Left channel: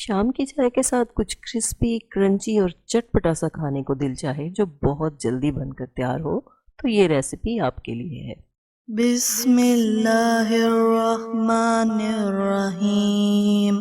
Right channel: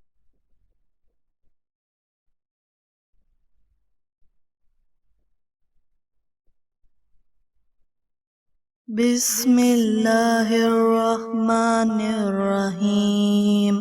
शाम की चाय के साथ कुछ क्रिस्पी, क्रंची और चटपटा सा खाने को दिल चाहे जो बहुत जल्दी बनकर तैयार हो, तो ये रेसिपी आपके लिए है। बिस्मिल्लाहिर्रहमानिर्रहीम।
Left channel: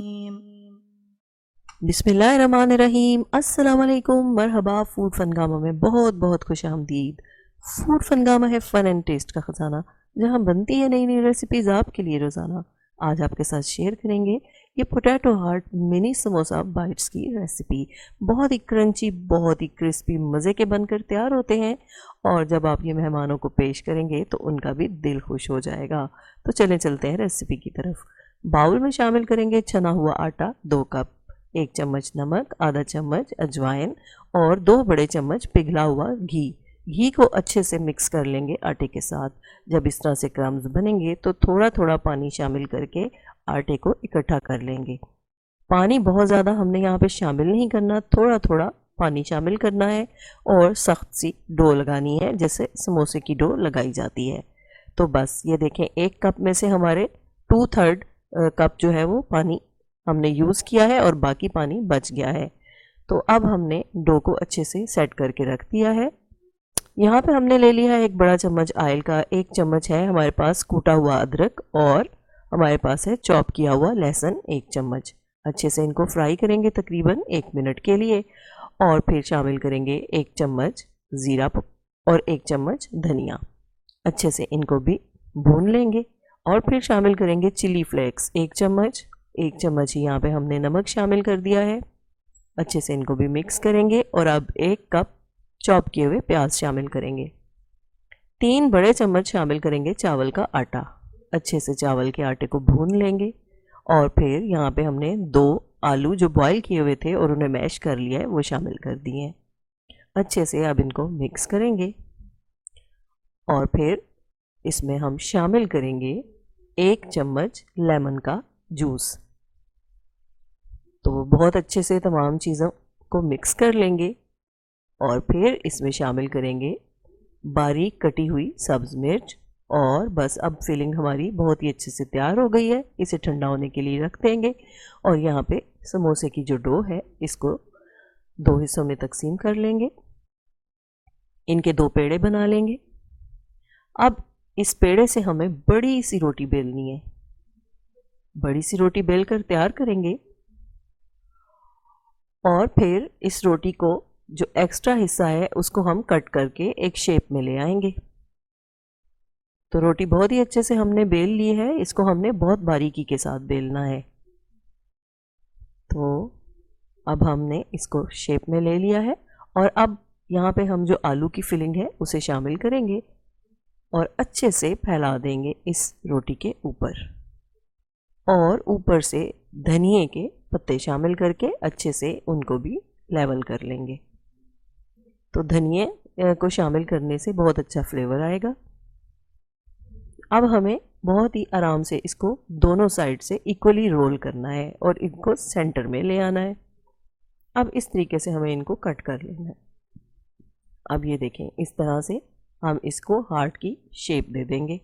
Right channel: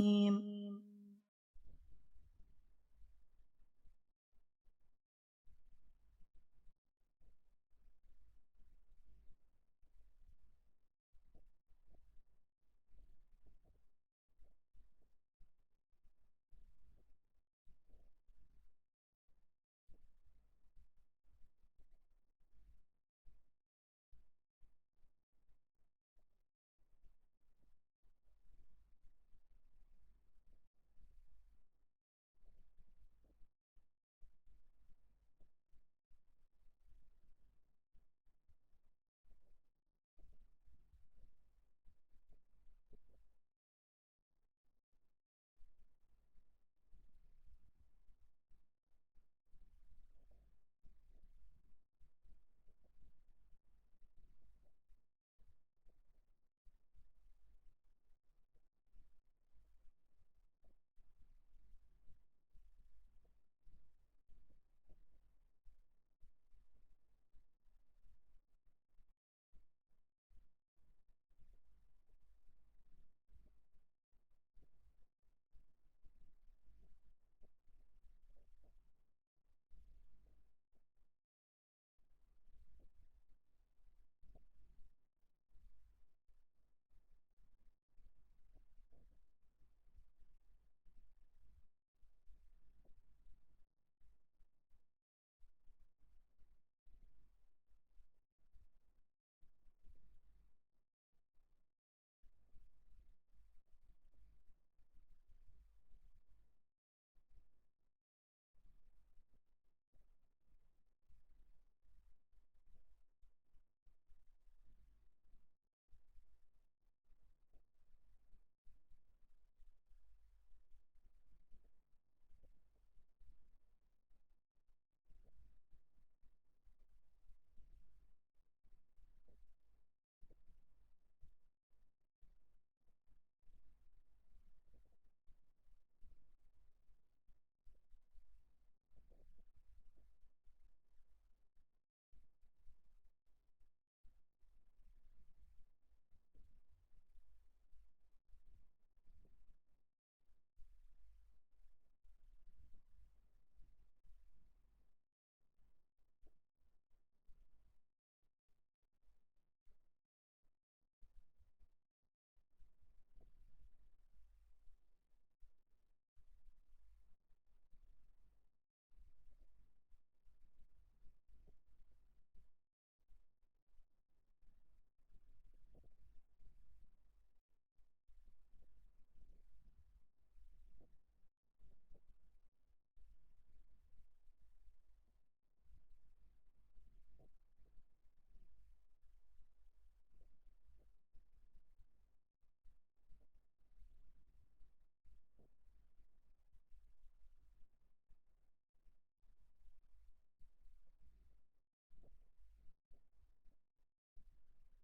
बिस्मिल्लाहिर्रहमानिर्रहीम। अस्सलाम वालेकुम, मरहबा। फूड फनगामा में बहुत बहुत खुश आमदीद। फूड फनगामा है फन एंड टेस्ट का ख़जाना, जहाँ बनती है नई नई रेसिपीज़ आपके लिए रोज़ाना। आज आपके साथ शेयर करेंगे ये potato heart mini samosa bytes की रेसिपी। बहुत ही क्रंची, बहुत ही क्रिस्पी, मज़े के बनकर तैयार होते हैं। और जब आप ये मेहमानों को पेश करेंगे तो उनका भी दिल खुश हो जाएगा। तो चलें चलते हैं रेसिपी की तरफ। बाउल में शामिल करेंगे छना हुआ आटा 2 कप, 1 चम्मच नमक, आधा चम्मच अजवाइन और 2 बड़े चम्मच पिघला हुआ घी। घी को अच्छे से मिक्स कर लेंगे आटे के साथ। जब इस तरह से क्रम्स बनेंगे तो थोड़ा थोड़ा पानी शामिल करके आटे को इकट्ठा कर लेंगे। पानी बहुत ज़्यादा हमने यहाँ पे शामिल नहीं करना, थोड़ा थोड़ा पानी शामिल करना है और सख्त सी डो लगानी है, जैसे समोसे की डो लगाई जाती है। तो बस ये देखें, 1 कप में से हमारे 2/3 कप जो है वो पानी हमने यूज़ किया है और बाकी पानी बच गया है। तो अब हमने डो को अच्छे से सेट करके रख दिया है। यहाँ पे हमने ले लिया है 1 बड़ा चम्मच ऑयल का, 1 चम्मच है हमारे पास कूटा हुआ अदरक और हमारे पास है चॉप किया हुआ लहसुन 1 चम्मच। अच्छे से इनको फ्राई करेंगे तकरीबन 1 मिनट के लिए। और फिर शामिल करेंगे 1 चम्मच ज़ीरा और 1 चम्मच धनिया। अच्छे से इनको भी भून लेंगे। और फिर शामिल करेंगे चिली फ्लेक्स 1 चम्मच। 1 चम्मच ही यहाँ पे हमने नमक शामिल कर दिया है। अच्छे से इनको भी मिक्स करेंगे और अब 1 कप चॉप किए हुए प्याज शामिल करेंगे। 3 बड़े चम्मच शामिल करेंगे चावल का आटा। अच्छे से चावल के आटे को भून लेंगे। और फिर यहाँ पे हमने 2 आलू जो बॉईल किए हुए थे और उन्हें मैश कर लिया है वो शामिल कर दिए हैं। अच्छे से अब इनको मिक्स करेंगे और फिर इसमें हम शामिल करेंगे 1 चम्मच लेमन का जूस। तो बहुत अच्छे से तमाम चीज़ों को मिक्स कर लेंगे और फिर इसमें शामिल करेंगे बारीक कटी हुई सब्ज़ मिर्च। और बस अब फिलिंग हमारी बहुत ही अच्छे से तैयार हो गई है। इसे ठंडा होने के लिए रख देंगे। और यहाँ पे समोसे की जो डो है इसको 2 हिस्सों में तकसीम कर लेंगे। इनके 2 पेड़े बना लेंगे। अब इस पेड़े से हमें बड़ी सी रोटी बेलनी है। बड़ी सी रोटी बेल कर तैयार करेंगे और फिर इस रोटी को जो एक्स्ट्रा हिस्सा है उसको हम कट करके एक शेप में ले आएंगे। तो रोटी बहुत ही अच्छे से हमने बेल ली है, इसको हमने बहुत बारीकी के साथ बेलना है। तो अब हमने इसको शेप में ले लिया है और अब यहाँ पे हम जो आलू की फिलिंग है उसे शामिल करेंगे और अच्छे से फैला देंगे इस रोटी के ऊपर। और ऊपर से धनिए के पत्ते शामिल करके अच्छे से उनको भी लेवल कर लेंगे। तो धनिए को शामिल करने से बहुत अच्छा फ्लेवर आएगा। अब हमें बहुत ही आराम से इसको दोनों साइड से इक्वली रोल करना है और इनको सेंटर में ले आना है। अब इस तरीके से हमें इनको कट कर लेना है। अब ये देखें, इस तरह से हम इसको हार्ट की शेप दे देंगे।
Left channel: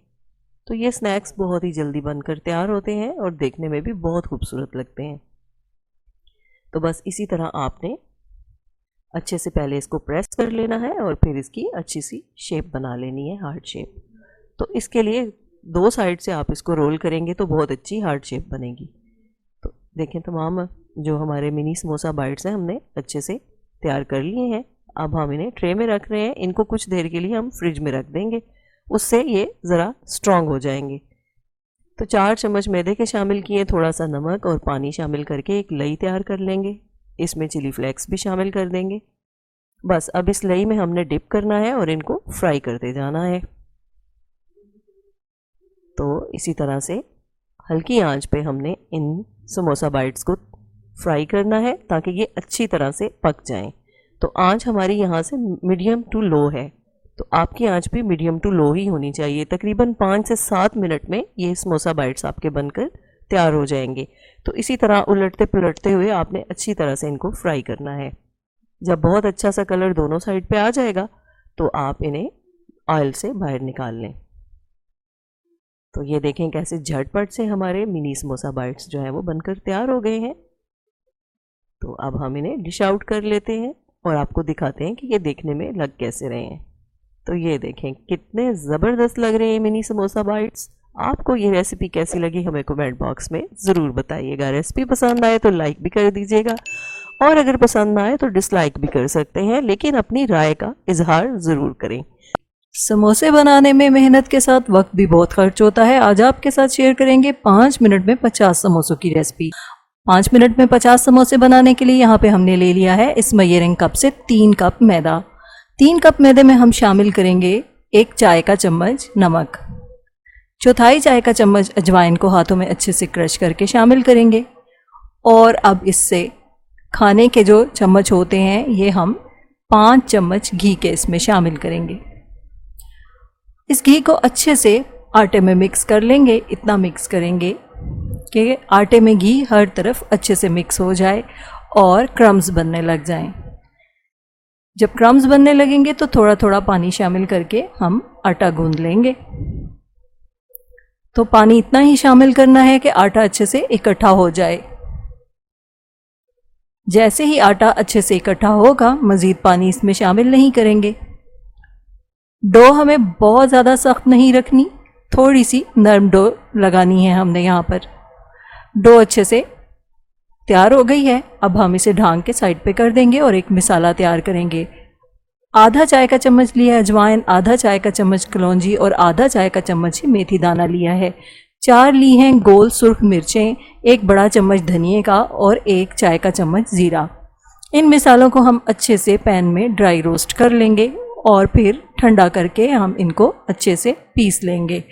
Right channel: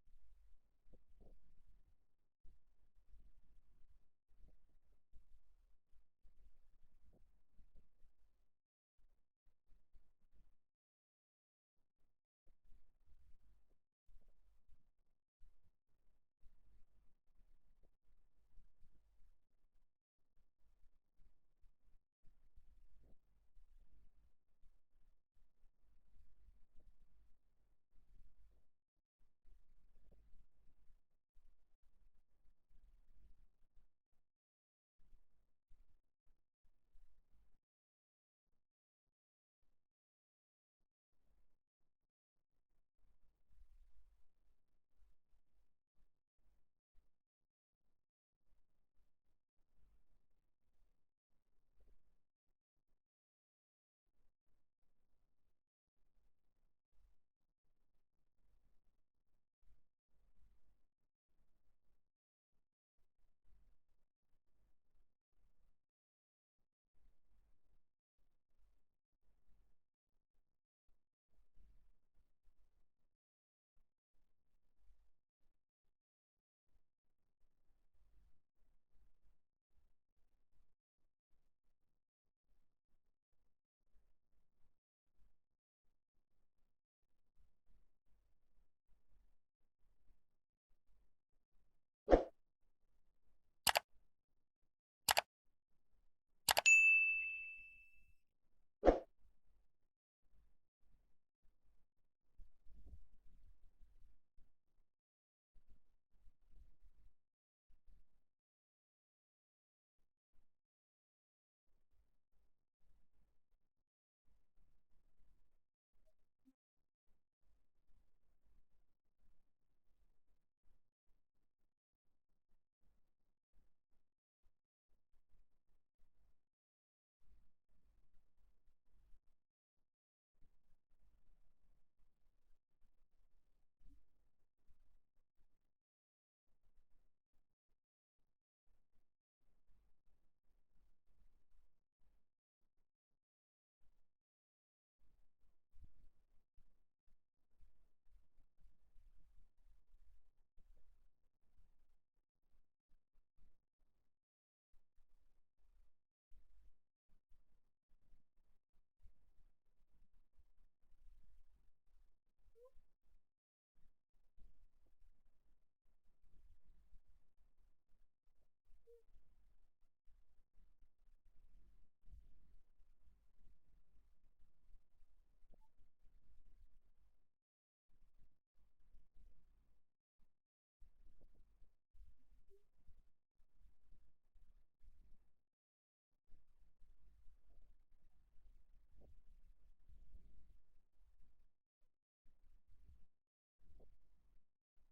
तो ये स्नैक्स बहुत ही जल्दी बनकर तैयार होते हैं और देखने में भी बहुत खूबसूरत लगते हैं। तो बस इसी तरह आपने अच्छे से पहले इसको प्रेस कर लेना है और फिर इसकी अच्छी सी शेप बना लेनी है, हार्ट शेप। तो इसके लिए 2 साइड से आप इसको रोल करेंगे तो बहुत अच्छी हार्ट शेप बनेगी। तो देखें, तमाम जो हमारे मिनी समोसा बाइट्स हैं हमने अच्छे से तैयार कर लिए हैं। अब हम इन्हें ट्रे में रख रहे हैं। इनको कुछ देर के लिए हम फ्रिज में रख देंगे, उससे ये ज़रा स्ट्रॉन्ग हो जाएंगे। तो 4 चम्मच मैदे के शामिल किए, थोड़ा सा नमक और पानी शामिल करके एक लई तैयार कर लेंगे। इसमें चिली फ्लेक्स भी शामिल कर देंगे। बस अब इस लई में हमने डिप करना है और इनको फ्राई करते जाना है। तो इसी तरह से हल्की आंच पे हमने इन समोसा बाइट्स को फ्राई करना है ताकि ये अच्छी तरह से पक जाएं। तो आंच हमारी यहाँ से मीडियम टू लो है। तो आपकी आंच भी मीडियम टू लो ही होनी चाहिए। तकरीबन 5 से 7 मिनट में ये समोसा बाइट्स आपके बनकर तैयार हो जाएंगे। तो इसी तरह उलटते पुलटते हुए आपने अच्छी तरह से इनको फ्राई करना है। जब बहुत अच्छा सा कलर दोनों साइड पे आ जाएगा तो आप इन्हें ऑयल से बाहर निकाल लें। तो ये देखें कैसे झटपट से हमारे मिनी समोसा बाइट्स जो है वो बनकर तैयार हो गए हैं। तो अब हम इन्हें डिश आउट कर लेते हैं और आपको दिखाते हैं कि ये देखने में लग कैसे रहे हैं। तो ये देखें कितने ज़बरदस्त लग रहे हैं मिनी समोसा बाइट्स। आपको ये रेसिपी कैसी लगी हमें कमेंट बॉक्स में ज़रूर बताइएगा। रेसिपी पसंद आए तो लाइक भी कर दीजिएगा और अगर पसंद ना आए तो डिसलाइक भी कर सकते हैं, लेकिन अपनी राय का इजहार ज़रूर करें। समोसे बनाने में मेहनत के साथ वक्त भी बहुत खर्च होता है। आज आपके साथ शेयर करेंगे 5 मिनट में 50 समोसों की रेसिपी। 5 मिनट में 50 समोसे बनाने के लिए यहाँ पे हमने ले लिया है इस मेजरिंग कप से 3 कप मैदा। 3 कप मैदे में हम शामिल करेंगे 1 चाय का चम्मच नमक, चौथाई चाय का चम्मच अजवाइन को हाथों में अच्छे से क्रश करके शामिल करेंगे। और अब इससे खाने के जो चम्मच होते हैं ये हम 5 चम्मच घी के इसमें शामिल करेंगे। इस घी को अच्छे से आटे में मिक्स कर लेंगे। इतना मिक्स करेंगे कि आटे में घी हर तरफ अच्छे से मिक्स हो जाए और क्रम्स बनने लग जाएं। जब क्रम्स बनने लगेंगे तो थोड़ा थोड़ा पानी शामिल करके हम आटा गूंद लेंगे। तो पानी इतना ही शामिल करना है कि आटा अच्छे से इकट्ठा हो जाए। जैसे ही आटा अच्छे से इकट्ठा होगा मज़ीद पानी इसमें शामिल नहीं करेंगे। डो हमें बहुत ज़्यादा सख्त नहीं रखनी, थोड़ी सी नरम डो लगानी है हमने यहाँ पर। डो अच्छे से तैयार हो गई है। अब हम इसे ढांक के साइड पे कर देंगे और एक मिसाला तैयार करेंगे। आधा चाय का चम्मच लिया है अजवाइन, आधा चाय का चम्मच कलौंजी और आधा चाय का चम्मच ही मेथी दाना लिया है। 4 ली हैं गोल सुर्ख मिर्चें, 1 बड़ा चम्मच धनिए का और 1 चाय का चम्मच ज़ीरा। इन मिसालों को हम अच्छे से पैन में ड्राई रोस्ट कर लेंगे और फिर ठंडा करके हम इनको अच्छे से पीस लेंगे।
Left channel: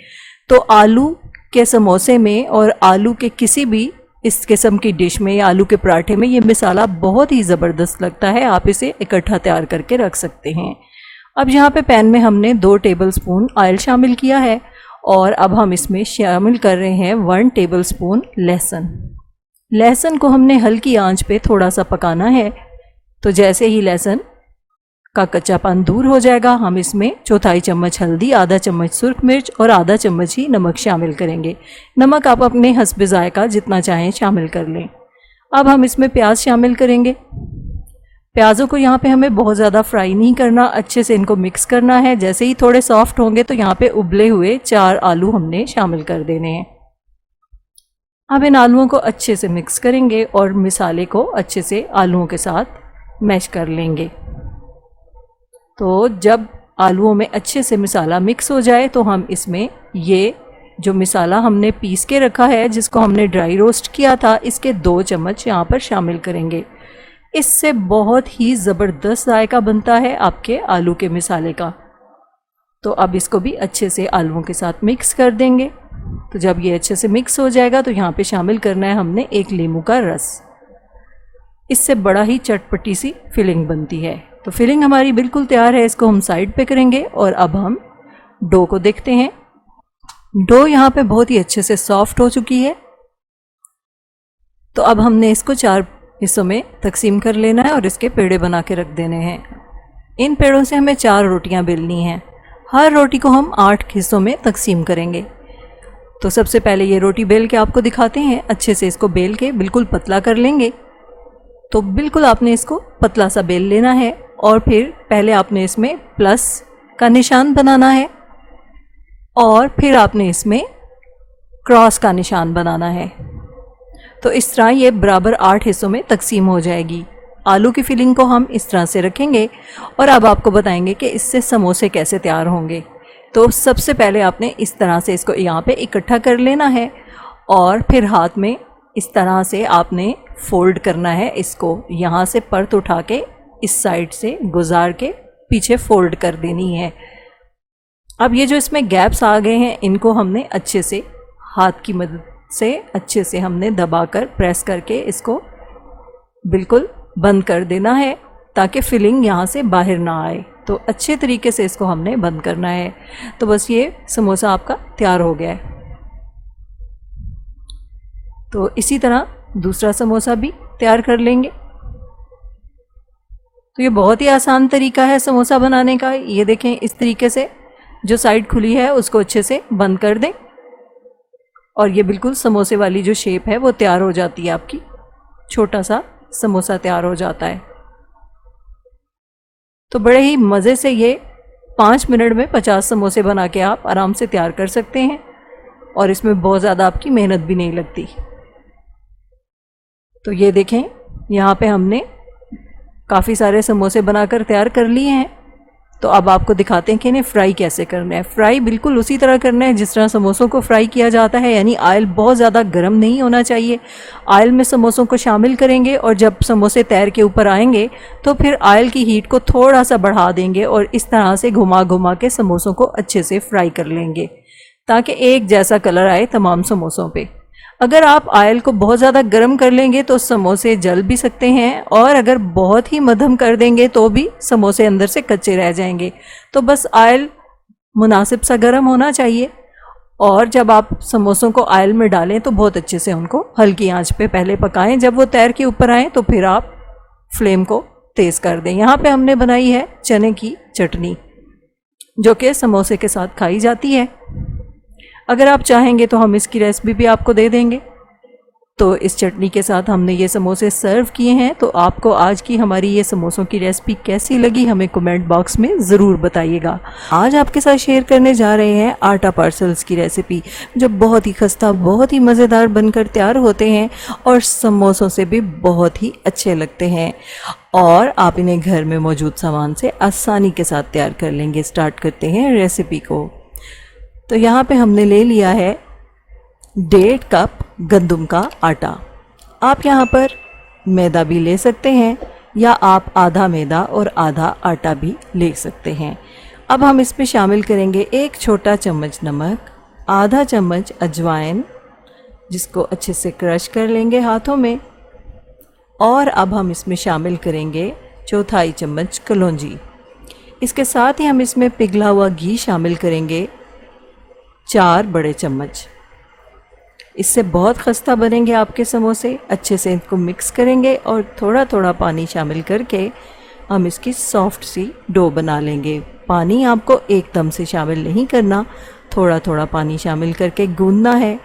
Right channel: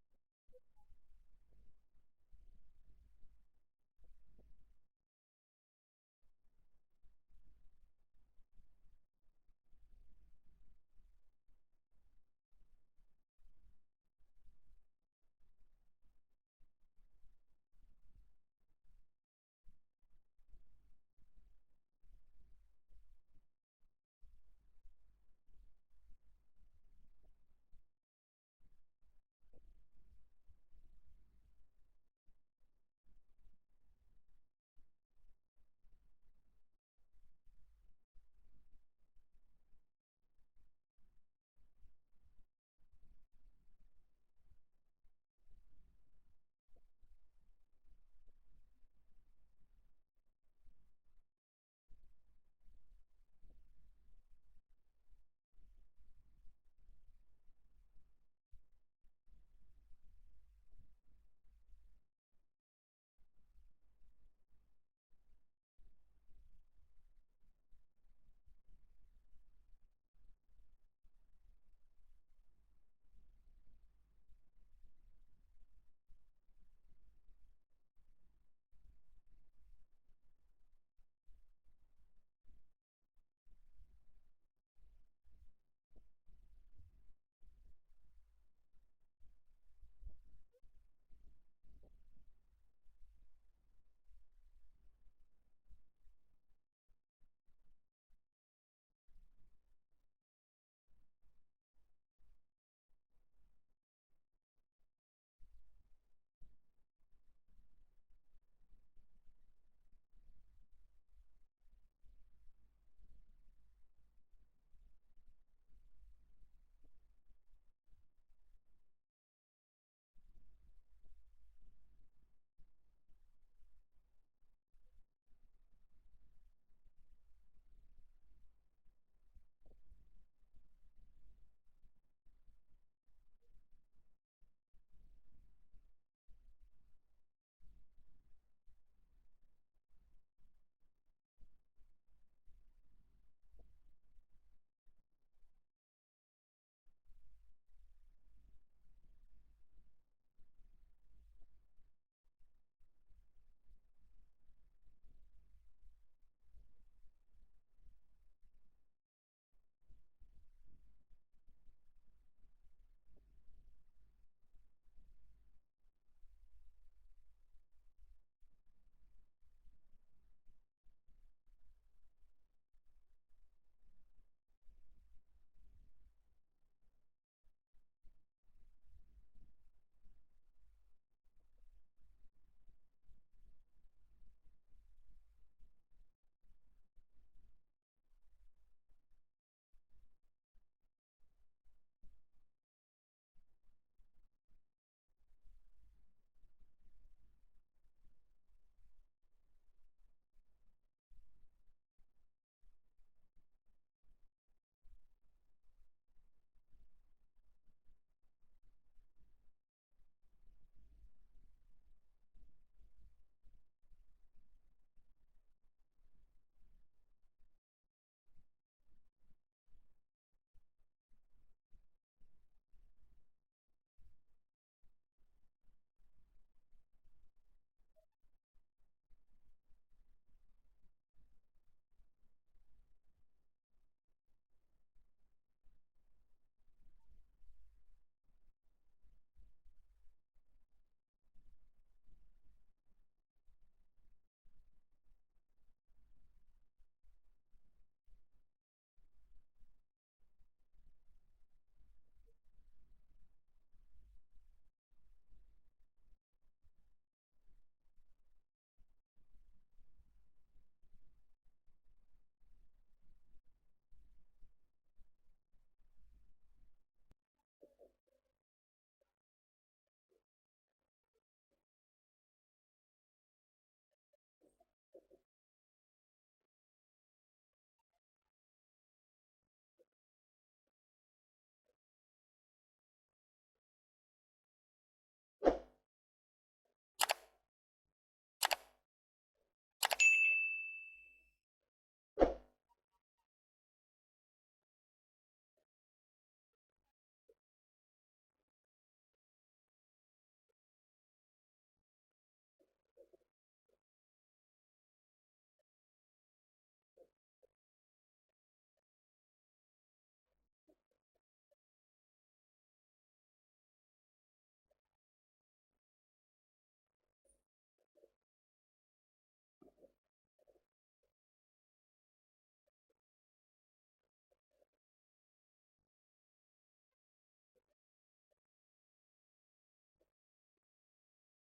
तो आलू के समोसे में और आलू के किसी भी इस किस्म की डिश में या आलू के पराठे में ये मिसाला बहुत ही ज़बरदस्त लगता है। आप इसे इकट्ठा तैयार करके रख सकते हैं। अब यहाँ पे पैन में हमने 2 टेबलस्पून ऑयल शामिल किया है और अब हम इसमें शामिल कर रहे हैं 1 टेबलस्पून लहसुन। लहसुन को हमने हल्की आंच पे थोड़ा सा पकाना है। तो जैसे ही लहसुन का कच्चापन दूर हो जाएगा हम इसमें चौथाई चम्मच हल्दी, आधा चम्मच सुर्ख मिर्च और आधा चम्मच ही नमक शामिल करेंगे। नमक आप अपने हस्बे जायका जितना चाहें शामिल कर लें। अब हम इसमें प्याज शामिल करेंगे। प्याज़ों को यहाँ पे हमें बहुत ज़्यादा फ्राई नहीं करना, अच्छे से इनको मिक्स करना है। जैसे ही थोड़े सॉफ्ट होंगे तो यहाँ पे उबले हुए 4 आलू हमने शामिल कर देने हैं। अब इन आलूओं को अच्छे से मिक्स करेंगे और मिसाले को अच्छे से आलूओं के साथ मैश कर लेंगे। तो जब आलूओं में अच्छे से मिसाला मिक्स हो जाए तो हम इसमें ये जो मिसाला हमने पीस के रखा है जिसको हमने ड्राई रोस्ट किया था इसके 2 चम्मच यहाँ पर शामिल करेंगे। इससे बहुत ही ज़बरदस्त जायका बनता है आपके आलू के मिसाले का। तो अब इसको भी अच्छे से आलूओं के साथ मिक्स कर देंगे। तो जब ये अच्छे से मिक्स हो जाएगा तो यहाँ पे शामिल करना है हमने 1 नींबू का रस। इससे बड़ा ही चटपटी सी फिलिंग बनती है। तो फिलिंग हमारी बिल्कुल तैयार है, इसको हम साइड पे करेंगे और अब हम डो को देखते हैं। डो यहाँ पे बहुत ही अच्छे से सॉफ्ट हो चुकी है। तो अब हमने इसको 4 हिस्सों में तकसीम कर लेना है और इसके पेड़े बना के रख देने हैं। इन पेड़ों से हमें 4 रोटियां बेलनी हैं। हर रोटी को हम 8 हिस्सों में तकसीम करेंगे। तो सबसे पहले ये रोटी बेल के आपको दिखाते हैं। अच्छे से इसको बेल के बिल्कुल पतला कर लेंगे। तो बिल्कुल आपने इसको पतला सा बेल लेना है और फिर पहले आपने इसमें प्लस का निशान बनाना है और फिर आपने इसमें क्रॉस का निशान बनाना है। तो इस तरह ये बराबर 8 हिस्सों में तकसीम हो जाएगी। आलू की फिलिंग को हम इस तरह से रखेंगे और अब आपको बताएंगे कि इससे समोसे कैसे तैयार होंगे। तो सबसे पहले आपने इस तरह से इसको यहाँ पे इकट्ठा कर लेना है और फिर हाथ में इस तरह से आपने फोल्ड करना है। इसको यहाँ से परत उठा के इस साइड से गुजार के पीछे फोल्ड कर देनी है। अब ये जो इसमें गैप्स आ गए हैं इनको हमने अच्छे से हाथ की मदद से अच्छे से हमने दबाकर प्रेस करके इसको बिल्कुल बंद कर देना है ताकि फिलिंग यहाँ से बाहर ना आए। तो अच्छे तरीके से इसको हमने बंद करना है। तो बस ये समोसा आपका तैयार हो गया है। तो इसी तरह दूसरा समोसा भी तैयार कर लेंगे। तो ये बहुत ही आसान तरीका है समोसा बनाने का। ये देखें इस तरीके से जो साइड खुली है उसको अच्छे से बंद कर दें और ये बिल्कुल समोसे वाली जो शेप है वो तैयार हो जाती है आपकी। छोटा सा समोसा तैयार हो जाता है। तो बड़े ही मज़े से ये 5 मिनट में 50 समोसे बना के आप आराम से तैयार कर सकते हैं और इसमें बहुत ज़्यादा आपकी मेहनत भी नहीं लगती। तो ये देखें, यहाँ पे हमने काफ़ी सारे समोसे बनाकर तैयार कर लिए हैं। तो अब आपको दिखाते हैं कि इन्हें फ्राई कैसे करना है। फ्राई बिल्कुल उसी तरह करना है जिस तरह समोसों को फ्राई किया जाता है, यानी ऑयल बहुत ज़्यादा गर्म नहीं होना चाहिए। ऑयल में समोसों को शामिल करेंगे और जब समोसे तैर के ऊपर आएंगे तो फिर ऑयल की हीट को थोड़ा सा बढ़ा देंगे और इस तरह से घुमा घुमा के समोसों को अच्छे से फ्राई कर लेंगे ताकि एक जैसा कलर आए तमाम समोसों पे। अगर आप ऑयल को बहुत ज़्यादा गर्म कर लेंगे तो समोसे जल भी सकते हैं और अगर बहुत ही मध्यम कर देंगे तो भी समोसे अंदर से कच्चे रह जाएंगे। तो बस ऑयल मुनासिब सा गर्म होना चाहिए और जब आप समोसों को ऑयल में डालें तो बहुत अच्छे से उनको हल्की आंच पे पहले पकाएं। जब वो तैर के ऊपर आएँ तो फिर आप फ्लेम को तेज़ कर दें। यहाँ पे हमने बनाई है चने की चटनी जो कि समोसे के साथ खाई जाती है। अगर आप चाहेंगे तो हम इसकी रेसिपी भी आपको दे देंगे। तो इस चटनी के साथ हमने ये समोसे सर्व किए हैं। तो आपको आज की हमारी ये समोसों की रेसिपी कैसी लगी हमें कमेंट बॉक्स में ज़रूर बताइएगा। आज आपके साथ शेयर करने जा रहे हैं आटा पार्सल्स की रेसिपी जो बहुत ही खस्ता, बहुत ही मज़ेदार बनकर तैयार होते हैं और समोसों से भी बहुत ही अच्छे लगते हैं और आप इन्हें घर में मौजूद सामान से आसानी के साथ तैयार कर लेंगे। स्टार्ट करते हैं रेसिपी को। तो यहाँ पे हमने ले लिया है 1.5 कप गंदम का आटा। आप यहाँ पर मैदा भी ले सकते हैं या आप आधा मैदा और आधा आटा भी ले सकते हैं। अब हम इसमें शामिल करेंगे 1 छोटा चम्मच नमक, आधा चम्मच अजवाइन जिसको अच्छे से क्रश कर लेंगे हाथों में, और अब हम इसमें शामिल करेंगे 1/4 चम्मच कलौंजी। इसके साथ ही हम इसमें पिघला हुआ घी शामिल करेंगे 4 बड़े चम्मच। इससे बहुत खस्ता बनेंगे आपके समोसे। अच्छे से इनको मिक्स करेंगे और थोड़ा थोड़ा पानी शामिल करके हम इसकी सॉफ्ट सी डो बना लेंगे। पानी आपको एकदम से शामिल नहीं करना, थोड़ा थोड़ा पानी शामिल करके गूंदना है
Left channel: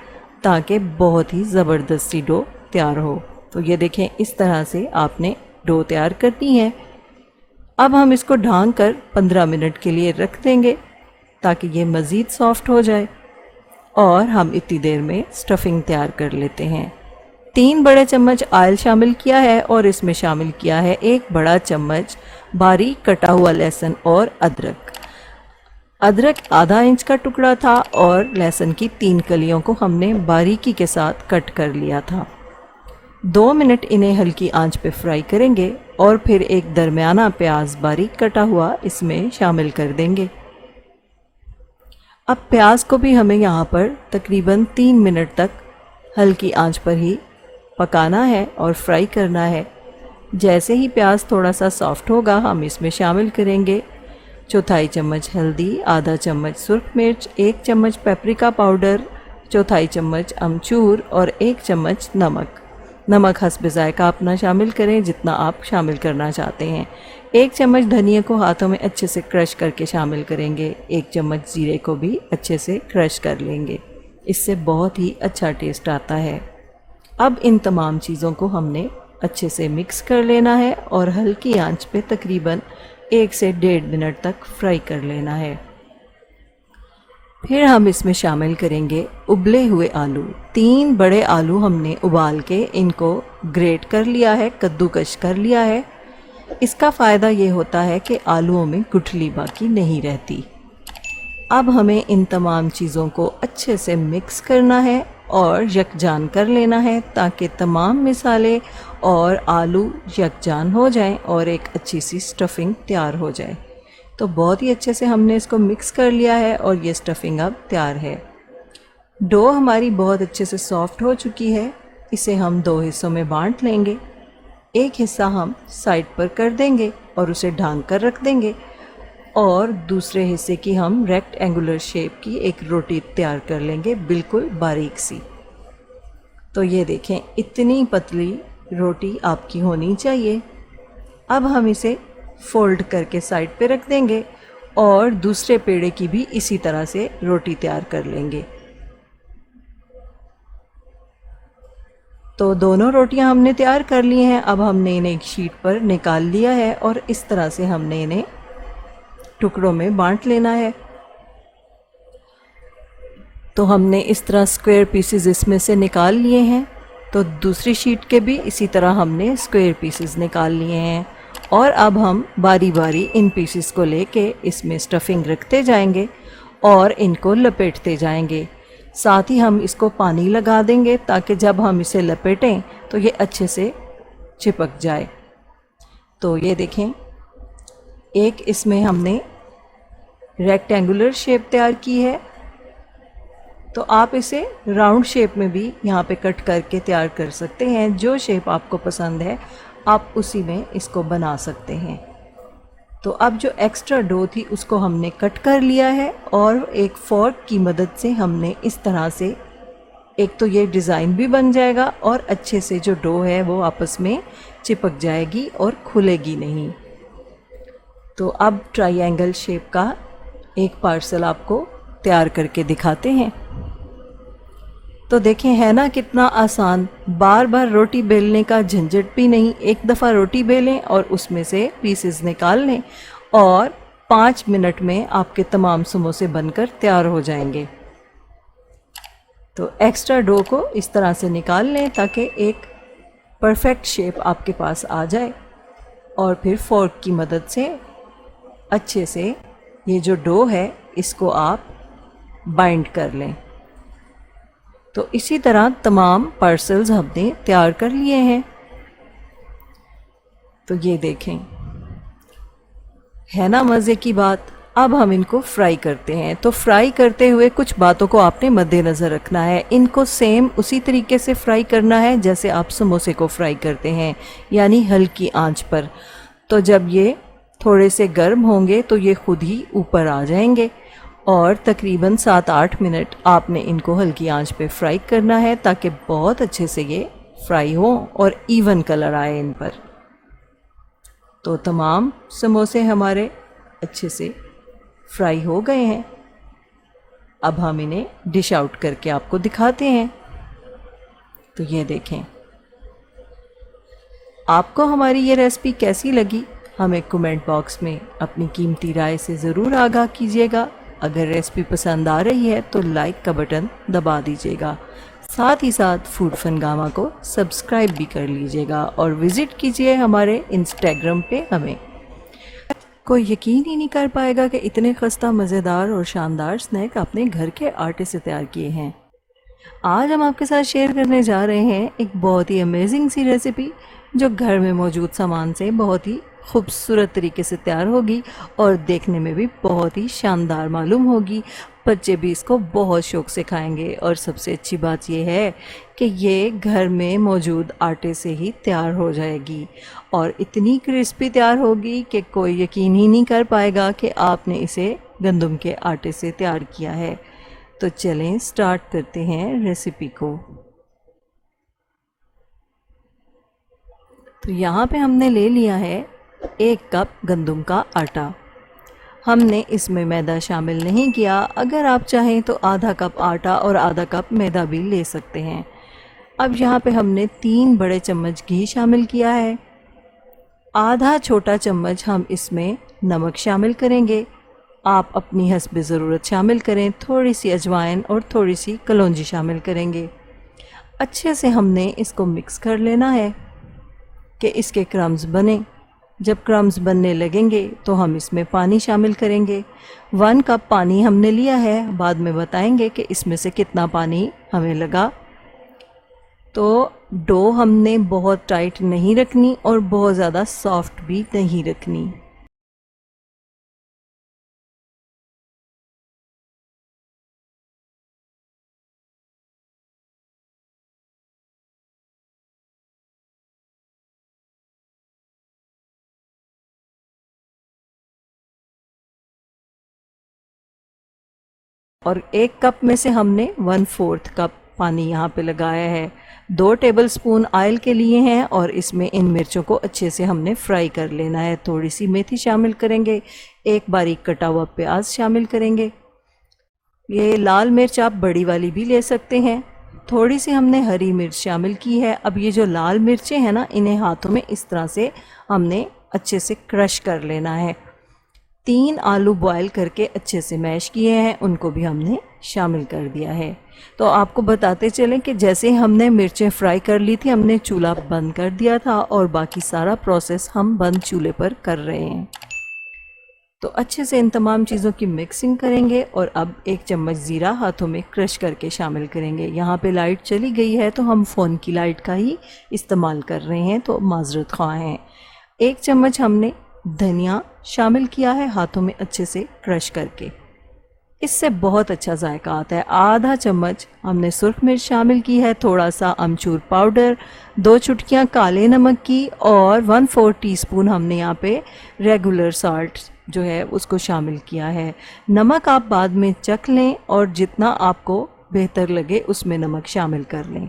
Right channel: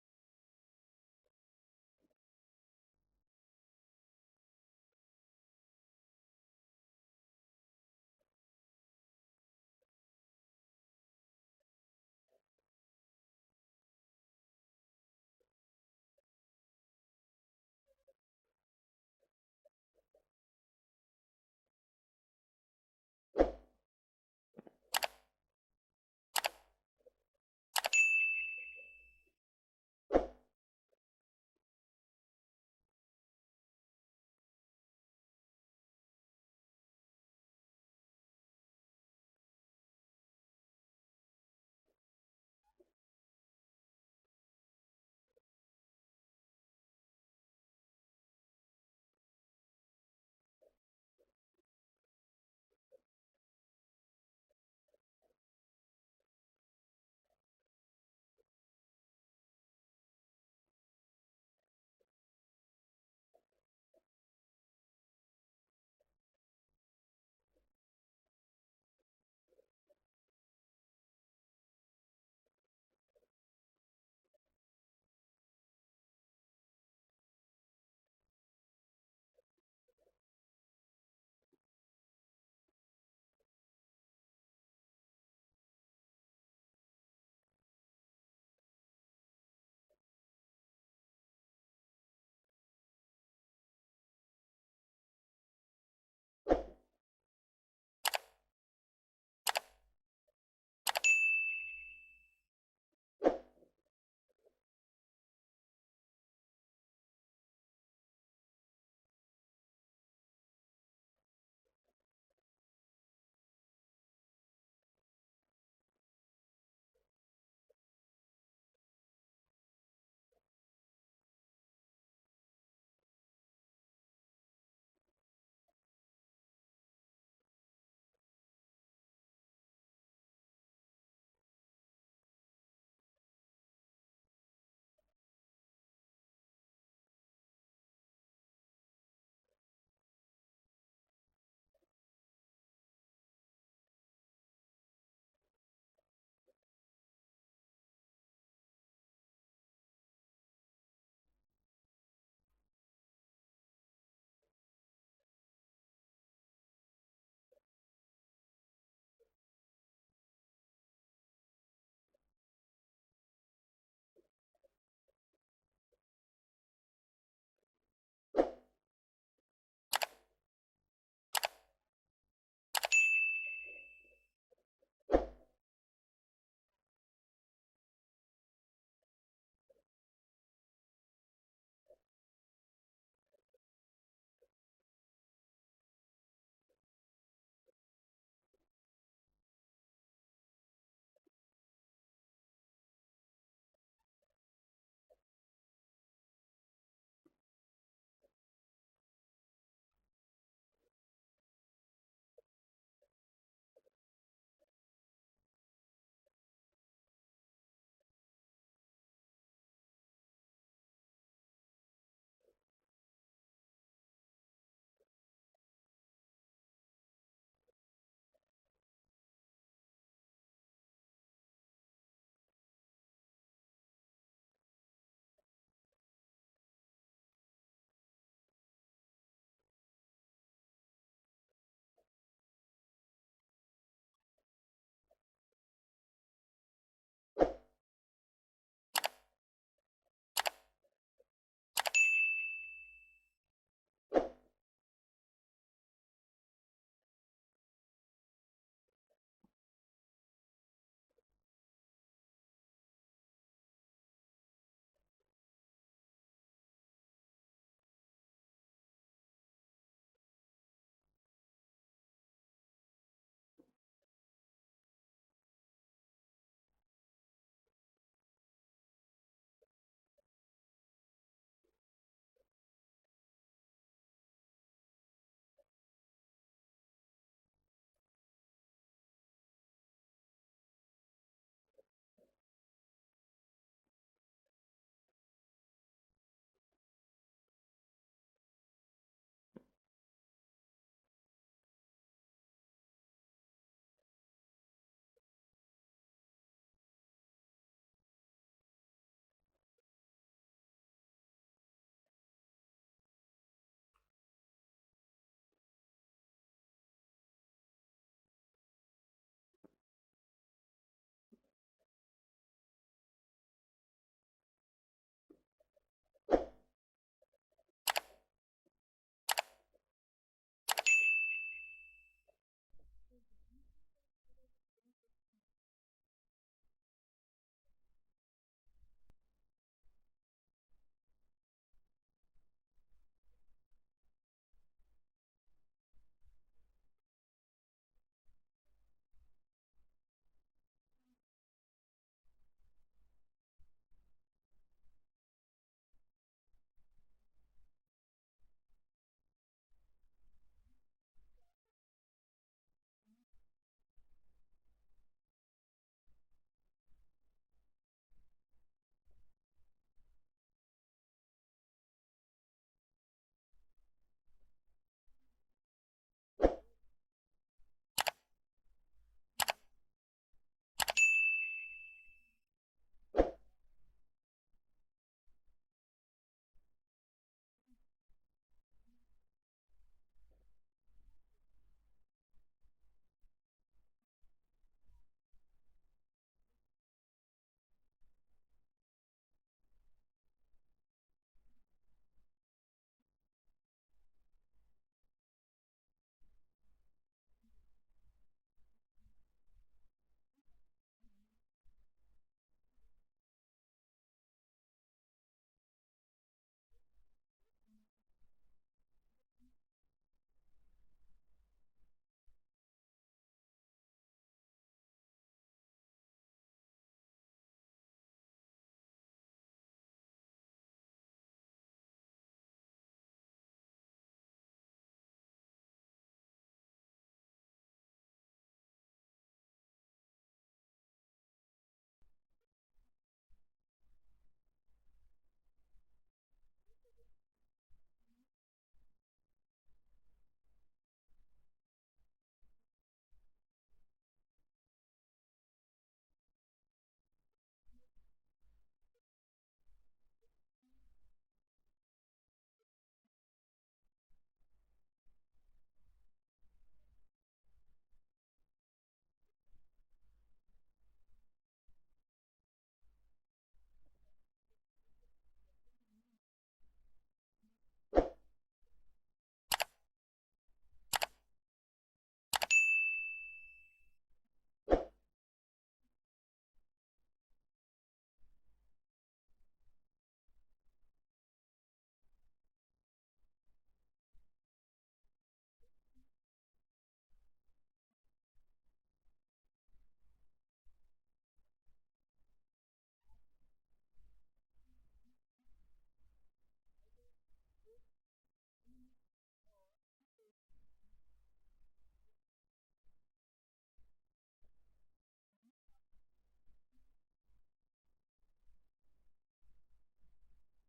ताकि बहुत ही ज़बरदस्त सी डो तैयार हो। तो ये देखें, इस तरह से आपने डो तैयार करनी है। अब हम इसको ढाँक कर 15 मिनट के लिए रख देंगे ताकि ये मज़ीद सॉफ्ट हो जाए और हम इतनी देर में स्टफिंग तैयार कर लेते हैं। 3 बड़े चम्मच ऑयल शामिल किया है और इसमें शामिल किया है 1 बड़ा चम्मच बारीक कटा हुआ लहसुन और अदरक। अदरक आधा इंच का टुकड़ा था और लहसुन की 3 कलियों को हमने बारीकी के साथ कट कर लिया था। 2 मिनट इन्हें हल्की आंच पे फ्राई करेंगे और फिर एक दरमियाना प्याज बारीक कटा हुआ इसमें शामिल कर देंगे। अब प्याज को भी हमें यहाँ पर तकरीबन 3 मिनट तक हल्की आंच पर ही पकाना है और फ्राई करना है। जैसे ही प्याज थोड़ा सा सॉफ्ट होगा हम इसमें शामिल करेंगे 1/4 चम्मच हल्दी, आधा चम्मच सुर्ख मिर्च, 1 चम्मच पेपरिका पाउडर, 1/4 चम्मच अमचूर और 1 चम्मच नमक। नमक हस्ब ज़ायका अपना शामिल करें जितना आप शामिल करना चाहते हैं। 1 चम्मच धनिया को हाथों में अच्छे से क्रश करके शामिल करेंगे। 1 चम्मच जीरे को भी अच्छे से क्रश कर लेंगे, इससे बहुत ही अच्छा टेस्ट आता है। अब इन तमाम चीज़ों को हमने अच्छे से मिक्स कर लेना है और हल्की आंच पे तकरीबन 1 से 1.5 मिनट तक फ्राई कर लेना है। फिर हम इसमें शामिल करेंगे उबले हुए आलू। 3 बड़े आलू हमने उबाल के इनको ग्रेट कर लिया है, कद्दूकश कर लिया है। इसका फ़ायदा ये होता है कि आलूओं में गुठली बाकी नहीं रहती। अब हमें इन तमाम चीज़ों को अच्छे से मिक्स करना है और यकजान कर लेना है ताकि तमाम मिसाले और आलू यकजान हो जाएं और एक अच्छी सी स्टफिंग तैयार हो जाए। तो बहुत ही अच्छे से हमने इसको मिक्स कर लिया है और ये स्टफिंग अब तैयार है। डो हमारी बहुत अच्छे से सॉफ्ट हो चुकी है। इसे हम 2 हिस्सों में बांट लेंगे। एक हिस्सा हम साइड पर कर देंगे और उसे ढांक कर रख देंगे और दूसरे हिस्से की हम रेक्टेंगुलर शेप की एक रोटी तैयार कर लेंगे, बिल्कुल बारीक सी। तो ये देखें, इतनी पतली रोटी आपकी होनी चाहिए। अब हम इसे फोल्ड करके साइड पे रख देंगे और दूसरे पेड़े की भी इसी तरह से रोटी तैयार कर लेंगे। तो दोनों रोटियां हमने तैयार कर ली हैं। अब हमने इन्हें एक शीट पर निकाल लिया है और इस तरह से हमने इन्हें टुकड़ों में बांट लेना है। तो हमने इस तरह स्क्वायर पीसेस इसमें से निकाल लिए हैं। तो दूसरी शीट के भी इसी तरह हमने स्क्वायर पीसेस निकाल लिए हैं और अब हम बारी बारी इन पीसेस को लेके इसमें स्टफिंग रखते जाएंगे और इनको लपेटते जाएंगे। साथ ही हम इसको पानी लगा देंगे ताकि जब हम इसे लपेटें तो ये अच्छे से चिपक जाए। तो ये देखें, एक इसमें हमने रेक्टेंगुलर शेप तैयार की है। तो आप इसे राउंड शेप में भी यहाँ पे कट करके तैयार कर सकते हैं। जो शेप आपको पसंद है आप उसी में इसको बना सकते हैं। तो अब जो एक्स्ट्रा डो थी उसको हमने कट कर लिया है और एक फोर्क की मदद से हमने इस तरह से, एक तो ये डिज़ाइन भी बन जाएगा और अच्छे से जो डो है वो आपस में चिपक जाएगी और खुलेगी नहीं। तो अब ट्रायंगल शेप का एक पार्सल आपको तैयार करके दिखाते हैं। तो देखें, है ना कितना आसान, बार बार रोटी बेलने का झंझट भी नहीं। एक दफ़ा रोटी बेलें और उसमें से पीसेस निकाल लें और 5 मिनट में आपके तमाम समोसे बनकर तैयार हो जाएंगे। तो एक्स्ट्रा डो को इस तरह से निकाल लें ताकि एक परफेक्ट शेप आपके पास आ जाए और फिर फोर्क की मदद से अच्छे से ये जो डो है इसको आप बाइंड कर लें। तो इसी तरह तमाम पार्सल्स हमने तैयार कर लिए हैं। तो ये देखें, है ना मज़े की बात। अब हम इनको फ्राई करते हैं। तो फ्राई करते हुए कुछ बातों को आपने मद्देनज़र रखना है। इनको सेम उसी तरीके से फ्राई करना है जैसे आप समोसे को फ्राई करते हैं, यानी हल्की आंच पर। तो जब ये थोड़े से गर्म होंगे तो ये खुद ही ऊपर आ जाएंगे और तकरीबन 7-8 मिनट आपने इनको हल्की आंच पे फ्राई करना है ताकि बहुत अच्छे से ये फ्राई हो और इवन कलर आए इन पर। तो तमाम समोसे हमारे अच्छे से फ्राई हो गए हैं। अब हम इन्हें डिश आउट करके आपको दिखाते हैं। तो ये देखें, आपको हमारी ये रेसिपी कैसी लगी हमें कमेंट बॉक्स में अपनी कीमती राय से ज़रूर आगाह कीजिएगा। अगर रेसिपी पसंद आ रही है तो लाइक का बटन दबा दीजिएगा। साथ ही साथ फूड फनगामा को सब्सक्राइब भी कर लीजिएगा और विज़िट कीजिए हमारे इंस्टाग्राम पे हमें। कोई यकीन ही नहीं कर पाएगा कि इतने खस्ता मज़ेदार और शानदार स्नैक अपने घर के आटे से तैयार किए हैं। आज हम आपके साथ शेयर करने जा रहे हैं एक बहुत ही अमेजिंग सी रेसिपी जो घर में मौजूद सामान से बहुत ही खूबसूरत तरीके से तैयार होगी और देखने में भी बहुत ही शानदार मालूम होगी। बच्चे भी इसको बहुत शौक़ से खाएंगे और सबसे अच्छी बात यह है कि ये घर में मौजूद आटे से ही तैयार हो जाएगी और इतनी क्रिस्पी तैयार होगी कि कोई यकीन ही नहीं कर पाएगा कि आपने इसे गंदम के आटे से तैयार किया है। तो चलें स्टार्ट करते हैं रेसिपी को। तो यहाँ पे हमने ले लिया है 1 कप गंदम का आटा। हमने इसमें मैदा शामिल नहीं किया। अगर आप चाहें तो आधा कप आटा और आधा कप मैदा भी ले सकते हैं। अब यहाँ पे हमने 3 बड़े चम्मच घी शामिल किया है। आधा छोटा चम्मच हम इसमें नमक शामिल करेंगे। आप अपनी हस्ब ज़रूरत शामिल करें। थोड़ी सी अजवाइन और थोड़ी सी कलौंजी शामिल करेंगे। अच्छे से हमने इसको मिक्स कर लेना है कि इसके क्रम्स बने। जब क्रम्स बनने लगेंगे तो हम इसमें पानी शामिल करेंगे। 1 कप पानी हमने लिया है, बाद में बताएंगे कि इसमें से कितना पानी हमें लगा। तो डो हमने बहुत टाइट नहीं रखनी और बहुत ज़्यादा सॉफ्ट भी नहीं रखनी। और 1 कप में से हमने 1/4 कप पानी यहाँ पे लगाया है। 2 टेबलस्पून ऑयल के लिए हैं और इसमें इन मिर्चों को अच्छे से हमने फ्राई कर लेना है। थोड़ी सी मेथी शामिल करेंगे। 1 बारीक कटा हुआ प्याज शामिल करेंगे। ये लाल मिर्च आप बड़ी वाली भी ले सकते हैं। थोड़ी सी हमने हरी मिर्च शामिल की है। अब ये जो लाल मिर्चें हैं ना, इन्हें हाथों में इस तरह से हमने अच्छे से क्रश कर लेना है। 3 आलू बॉयल करके अच्छे से मैश किए हैं, उनको भी हमने शामिल कर दिया है। तो आपको बताते चलें कि जैसे हमने मिर्चें फ्राई कर ली थी, हमने चूल्हा बंद कर दिया था और बाकी सारा प्रोसेस हम बंद चूल्हे पर कर रहे हैं। तो अच्छे से इन तमाम चीज़ों की मिक्सिंग करेंगे और अब 1 चम्मच ज़ीरा हाथों में क्रश करके शामिल करेंगे। यहाँ पे लाइट चली गई है तो हम फ़ोन की लाइट का ही इस्तेमाल कर रहे हैं, तो माज़रत ख़्वाह हैं। 1 चम्मच हमने धनिया शामिल किया है हाथों में अच्छे से क्रश करके, इससे बहुत अच्छा जायका आता है। आधा चम्मच हमने सुर्ख मिर्च शामिल की है, थोड़ा सा अमचूर पाउडर, 2 चुटकियाँ काले नमक की और 1/4 टीस्पून हमने यहाँ पे रेगुलर साल्ट जो है उसको शामिल किया है। नमक आप बाद में चख लें और जितना आपको बेहतर लगे उसमें नमक शामिल कर लें।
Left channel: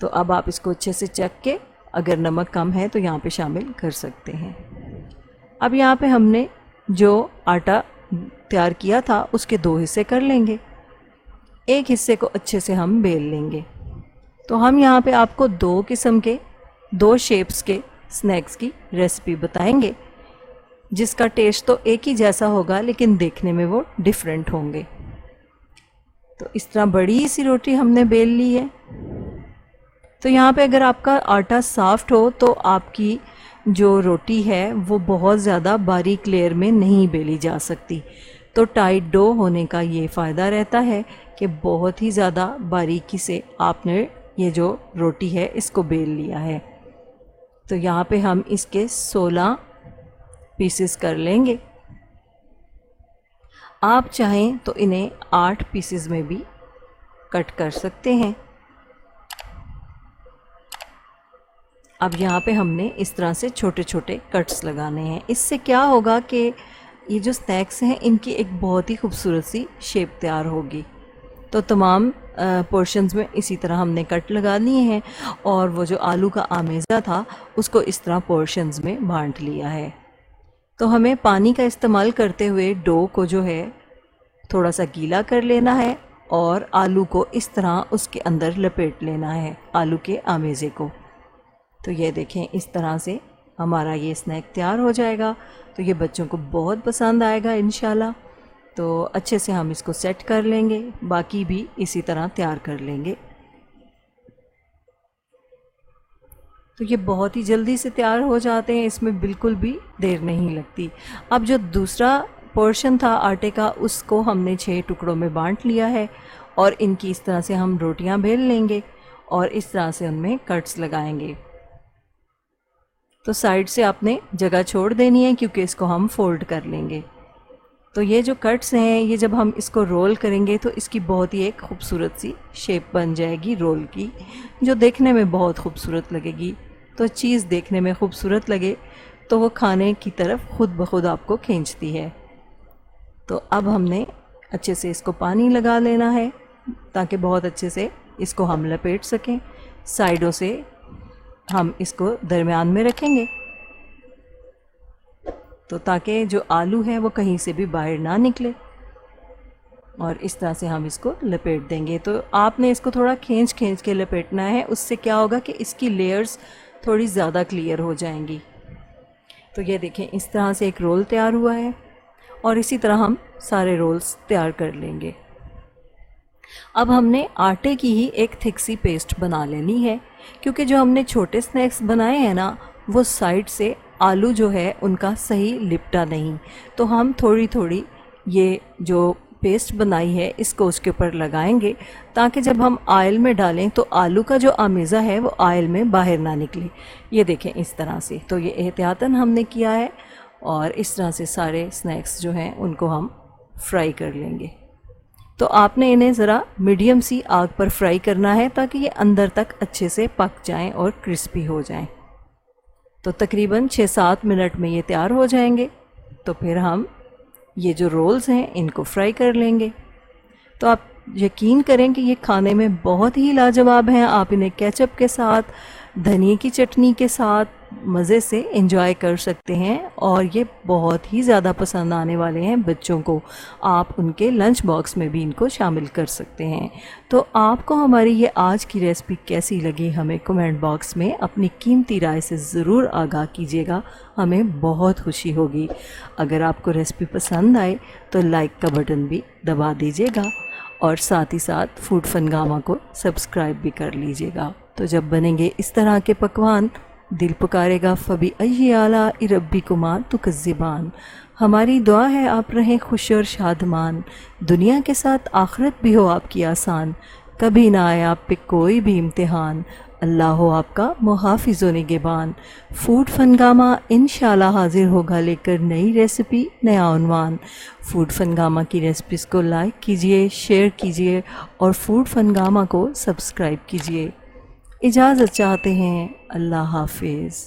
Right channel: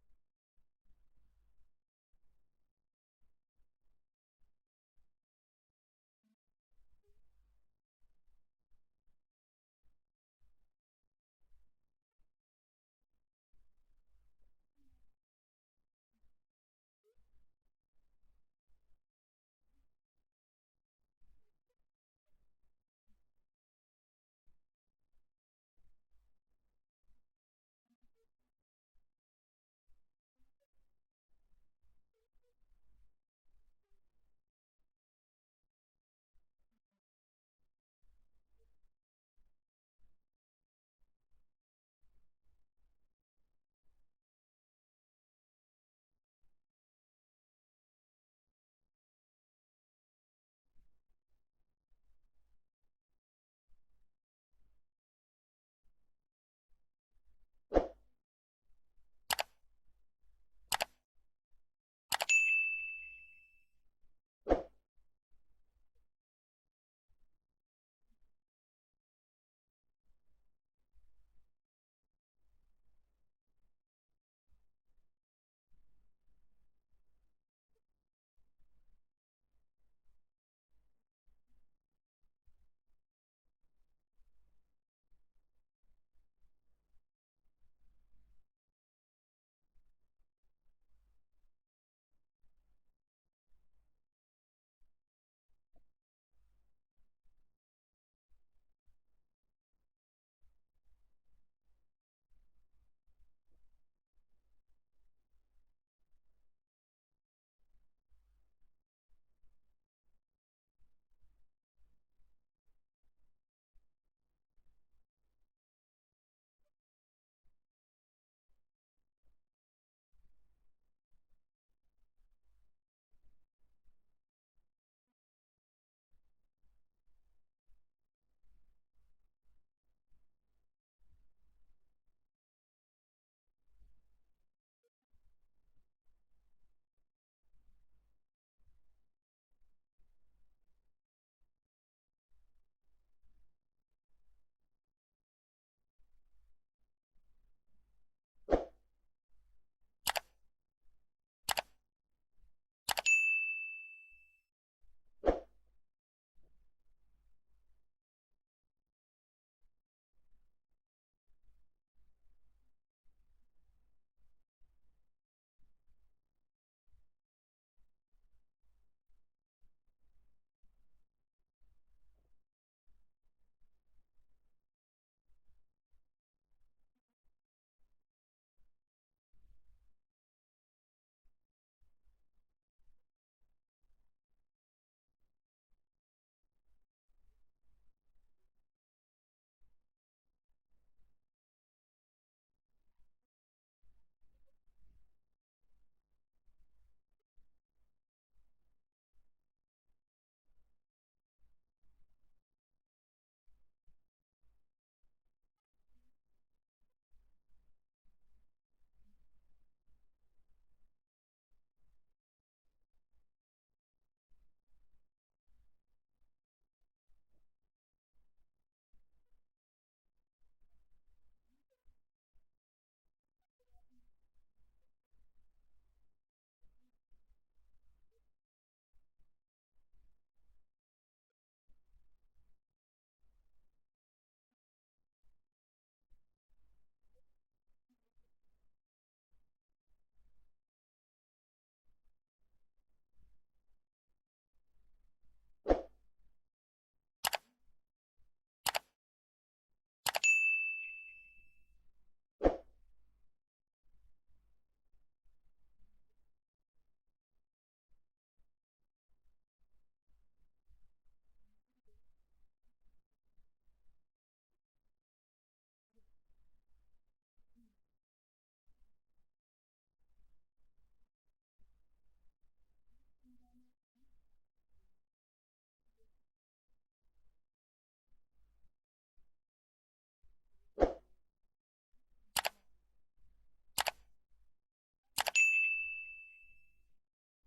तो अब आप इसको अच्छे से चख के अगर नमक कम है तो यहाँ पे शामिल कर सकते हैं। अब यहाँ पे हमने जो आटा तैयार किया था उसके 2 हिस्से कर लेंगे। एक हिस्से को अच्छे से हम बेल लेंगे। तो हम यहाँ पे आपको 2 किस्म के 2 शेप्स के स्नैक्स की रेसिपी बताएंगे, जिसका टेस्ट तो एक ही जैसा होगा लेकिन देखने में वो डिफरेंट होंगे। तो इस तरह बड़ी सी रोटी हमने बेल ली है। तो यहाँ पे अगर आपका आटा सॉफ्ट हो तो आपकी जो रोटी है वो बहुत ज़्यादा बारीक लेयर में नहीं बेली जा सकती। तो टाइट डो होने का ये फ़ायदा रहता है कि बहुत ही ज़्यादा बारीकी से आपने ये जो रोटी है इसको बेल लिया है। तो यहाँ पे हम इसके 16 पीसेस कर लेंगे। आप चाहें तो इन्हें 8 पीसेस में भी कट कर सकते हैं। अब यहाँ पे हमने इस तरह से छोटे छोटे कट्स लगाने हैं। इससे क्या होगा कि ये जो स्नैक्स हैं इनकी एक बहुत ही खूबसूरत सी शेप तैयार होगी। तो तमाम पोर्शंस में इसी तरह हमने कट लगा लिए हैं और वो जो आलू का आमेज़ा था उसको इस तरह पोर्शंस में बांट लिया है। तो हमें पानी का इस्तेमाल करते हुए डो को जो है थोड़ा सा गीला कर लेना है और आलू को इस तरह उसके अंदर लपेट लेना है, आलू के आमेज़े को। तो ये देखें इस तरह से हमारा ये स्नैक तैयार हो जाएगा। तो ये बच्चों को बहुत पसंद आएगा इंशाल्लाह। तो अच्छे से हम इसको सेट कर लेंगे, बाकी भी इसी तरह तैयार कर लेंगे। तो ये बहुत ही जल्दी से तैयार हो जाते हैं, इसमें बिल्कुल भी देर नहीं लगती। अब जो दूसरा पोर्शन था आटे का उसको हमने 6 टुकड़ों में बांट लिया है और इनकी इस तरह से हम रोटियां बेल लेंगे और इस तरह से उनमें कट्स लगाएंगे। तो साइड से आपने जगह छोड़ देनी है क्योंकि इसको हम फोल्ड कर लेंगे। तो ये जो कट्स हैं ये जब हम इसको रोल करेंगे तो इसकी बहुत ही एक खूबसूरत सी शेप बन जाएगी रोल की, जो देखने में बहुत खूबसूरत लगेगी। तो चीज़ देखने में खूबसूरत लगे तो वो खाने की तरफ खुद ब खुद आपको खींचती है। तो अब हमने अच्छे से इसको पानी लगा लेना है ताकि बहुत अच्छे से इसको हम लपेट सकें। साइडों से हम इसको दरमियान में रखेंगे तो ताकि जो आलू है वो कहीं से भी बाहर ना निकले और इस तरह से हम इसको लपेट देंगे। तो आपने इसको थोड़ा खींच खींच के लपेटना है, उससे क्या होगा कि इसकी लेयर्स थोड़ी ज़्यादा क्लियर हो जाएंगी। तो ये देखें इस तरह से एक रोल तैयार हुआ है और इसी तरह हम सारे रोल्स तैयार कर लेंगे। अब हमने आटे की ही एक थिक सी पेस्ट बना लेनी है क्योंकि जो हमने छोटे स्नैक्स बनाए हैं ना वो साइड से आलू जो है उनका सही लिपटा नहीं। तो हम थोड़ी थोड़ी ये जो पेस्ट बनाई है इसको उसके ऊपर लगाएंगे ताकि जब हम ऑयल में डालें तो आलू का जो आमेज़ा है वो ऑयल में बाहर ना निकले। ये देखें इस तरह से। तो ये एहतियातन हमने किया है और इस तरह से सारे स्नैक्स जो हैं उनको हम फ्राई कर लेंगे। तो आपने इन्हें ज़रा मीडियम सी आग पर फ्राई करना है ताकि ये अंदर तक अच्छे से पक जाएं और क्रिस्पी हो जाएं। तो तकरीबन 6-7 मिनट में ये तैयार हो जाएंगे। तो फिर हम ये जो रोल्स हैं इनको फ्राई कर लेंगे। तो आप यकीन करें कि ये खाने में बहुत ही लाजवाब हैं। आप इन्हें केचप के साथ, धनिए की चटनी के साथ, मज़े से एंजॉय कर सकते हैं और ये बहुत ही ज़्यादा पसंद आने वाले हैं बच्चों को। आप उनके लंच बॉक्स में भी इनको शामिल कर सकते हैं। तो आपको हमारी ये आज की रेसिपी कैसी लगी, हमें कमेंट बॉक्स में अपनी कीमती राय से ज़रूर आगाह कीजिएगा, हमें बहुत खुशी होगी। अगर आपको रेसिपी पसंद आए तो लाइक का बटन भी दबा दीजिएगा और साथ ही साथ फूड फनगामा को सब्सक्राइब भी कर लीजिएगा। तो जब बनेंगे इस तरह के पकवान, दिल पुकारेगा फ़बी अय्यी आला रब्बी कुमा तुकज़्ज़िबान। हमारी दुआ है आप रहें खुश और शादमान, दुनिया के साथ आखिरत भी हो आपकी आसान, कभी ना आए आप पे कोई भी इम्तिहान, अल्लाह हो आपका मुहाफ़िज़ व निगहबान। फूड फनगामा इंशाल्लाह हाजिर होगा लेकर नई रेसिपी, नया उन्वान। फूड फनगामा की रेसिपीज़ को लाइक कीजिए, शेयर कीजिए और फूड फनगामा को सब्सक्राइब कीजिए। इजाज़त चाहते हैं, अल्लाह हाफिज़।